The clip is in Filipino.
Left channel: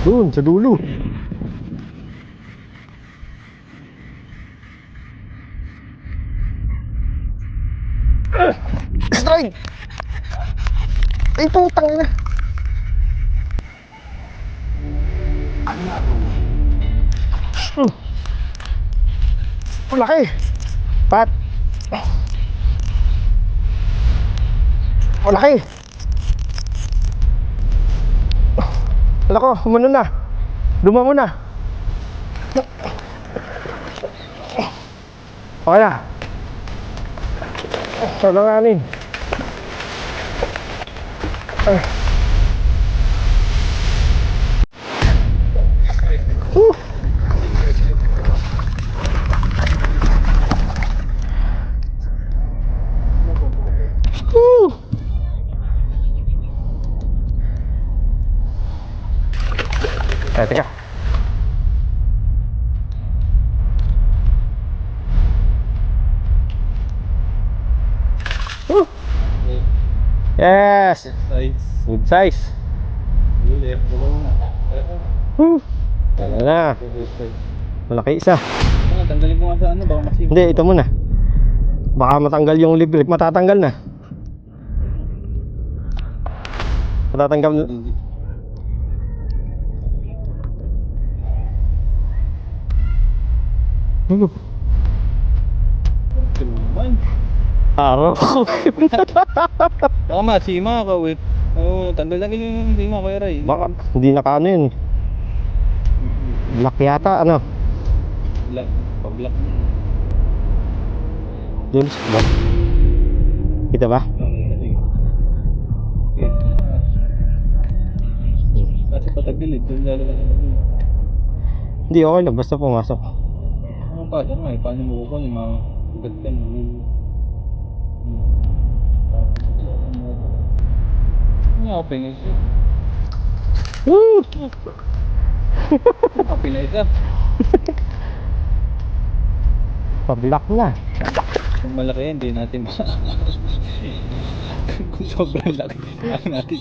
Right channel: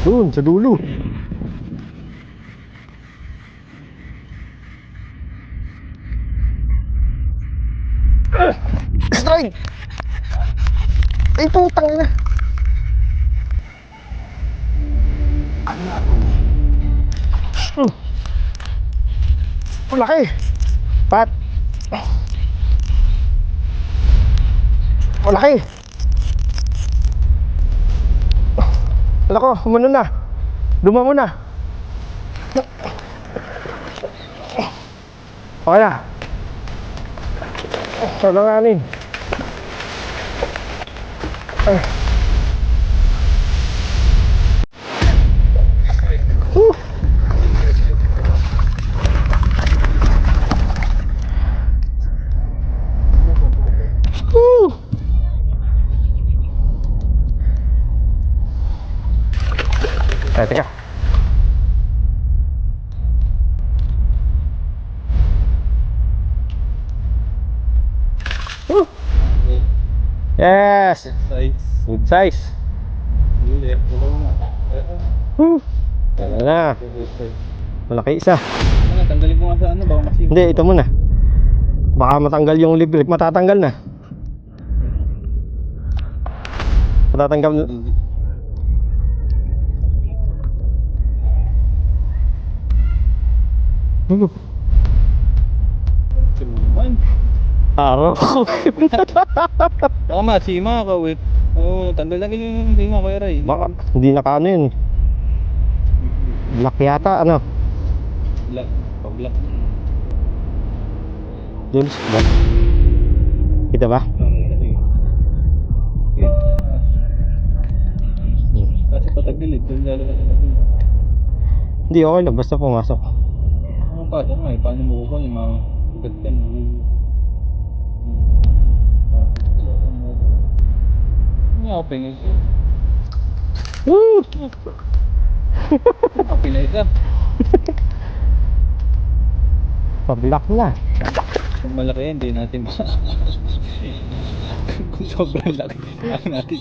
Doon, sa dulo. Strike! Ay, putang ina. Laki. Pat. Laki. Wala ko, umano na. Duma mo na. Okay na. Talanganin. Teka. Yes. Size. Good size. Huli. Wala na. Malaki isa. Tanggalin ko nga sa ano, baka masipag. Hindi, ito muna. Baka matanggal yung libre. Matatanggal na. Matatanggal na. Tuman. Araw. Baka masima ka, wait. Oo, tanggal lang yung sima ko, Eray. Baka hindi nakaano yun. Black yata, ano? Black. Pa-black. Doon sa black. Kita ba? Kasi patagilid, doon lalabas sa tagilid. Hindi, okay lang. Basta pumasok. Ano pa, ano nga eh, paano mo kukuha yung mga gagdan mo? Hindi ako pingin siya. Woo! Ako pila isa. Pa-black na. Kung malaki yan, hindi natin Kung sobrang laki, ano natin